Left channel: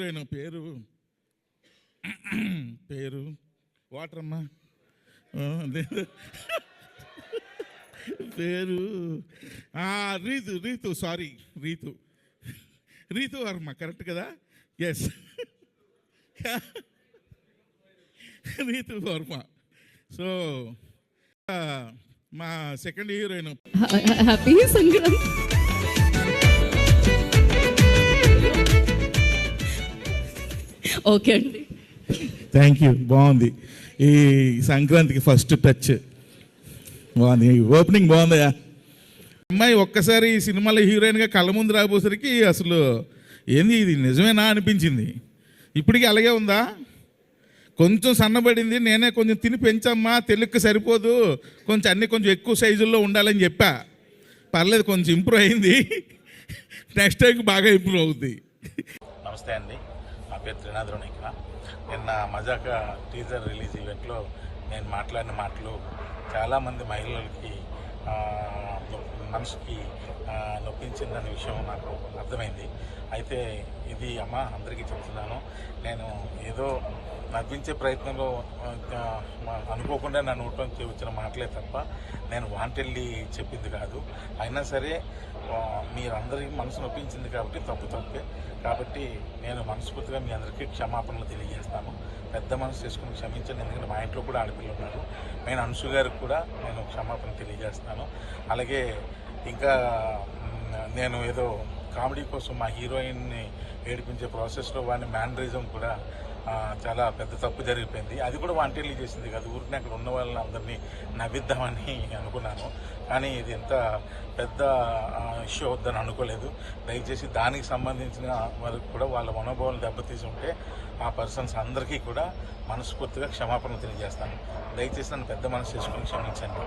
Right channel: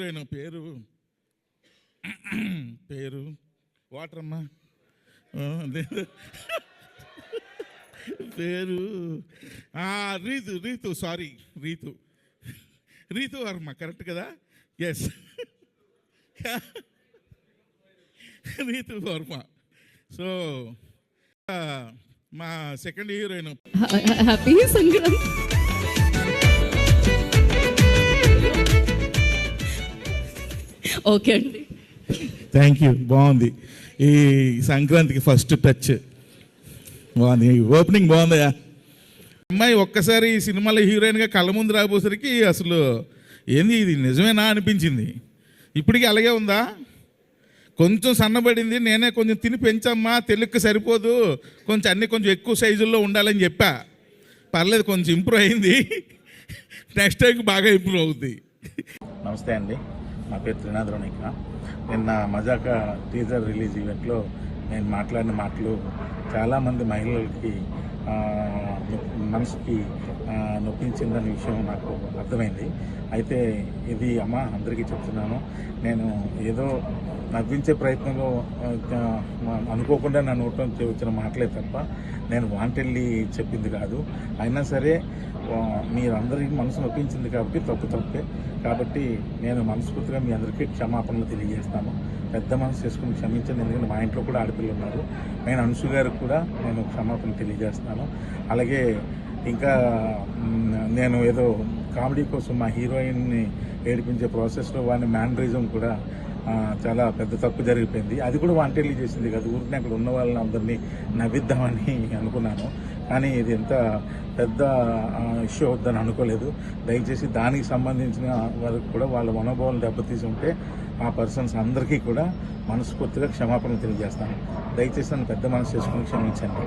పేరు పేరు వాటర్ అమ్మా పేరు రీతు రీతు సారీ రీతు రీతు వర్మ కరెక్ట్ కదా? ఎస్ రీతు వర్మ. సో మా second heroine. Happy Sankranti. Okay అండి, థ్యాంక్ యూ. బాగుంది ఈ సంక్రాంతికి ఫస్ట్ టచ్ బాగుంది, ఓపెనింగ్ బాగుందయా. అమ్మాయి ఒక్కసారి ఈ సినిమాలో హీరోయిన్గా కళ్ళ ముందు రాబోసరికి అసలు ఏంది ఇది నిజమేనా అనిపించింది. ఇప్పటికీ అలాగే ఉందా? కొంచెం సన్నబడింది, నేనే కొంచెం తిని పెంచమ్మా, తెలుగుకి సరిపోదు, కొంచెం అన్నీ కొంచెం ఎక్కువ సైజుల్లో ఉండాలని చెప్పా. పర్లేదు, కొంచెం ఇంప్రూవ్ అయింది. నెక్స్ట్ టైంకి బాగా ఇంప్రూవ్ అవుద్ది. నమస్తే అండి, నా పేరు త్రినాథ్. నిన్న మజాకా టీజర్ రిలీజ్ ఈవెంట్లో నేను మాట్లాడిన మాటలు చాలామంది మహిళలకి మనసుకి నొప్పించిందనే విషయం నాకు అర్థమైంది. అయితే ఇది అమ్మ అందరికీ చెప్తున్నాను, నేను ఏదో నవ్వించే ప్రయత్నంలో అనుకోకుండా నా నోట్లోంచి వచ్చిన మాటలే తప్ప నేను వాంటెడ్లీ చెప్పింది కాదు. అయినా సరే మీరందరికీ మనసు నొప్పించింది కాబట్టి తప్పే. కాబట్టి నేను మనస్ఫూర్తిగా మీ అందరికీ క్షమాపణలు తెలియజేస్తాను. పెద్ద మనసు చేసుకుని క్షమించండి, ఎందుకంటే మా ఇంట్లో కూడా ఆడపిల్లలు ఉన్నారు. నేను అంశు గారికి కూడా నేను క్షమాపణ తెలియజేస్తాను. అలాగే ఇంకా నేను ఏదో కామెడీ కోసం మా హీరోయిన్ని ఏడిపించే ప్రాసెస్లో వాడిని మ్యానరిజం కూడా చాలా పెద్ద తప్పు జరిగిపోయింది. అది కూడా వాంటెడ్లీ చేసింది కదా, ఊరికి అక్కడ ఉన్న వాళ్ళని అందరినీ నవ్విద్దామని అనుకున్నాను. కానీ ఇది ఎంత పెద్ద ఇష్యూ అవుద్దని అనుకోలేదు. దయచేసి దానికి సంబంధించిన వాళ్ళకి కూడా వాళ్ళ మనోభావాలు దెబ్బతీసి ఉంటే ఆ పర్సన్స్ అందరికీ కూడా మనస్ఫూర్తిగా క్షమాపణలు తెలియజేస్తాను. దయచేసి నన్ను పెద్ద మనసు చేసుకుని క్షమించండి.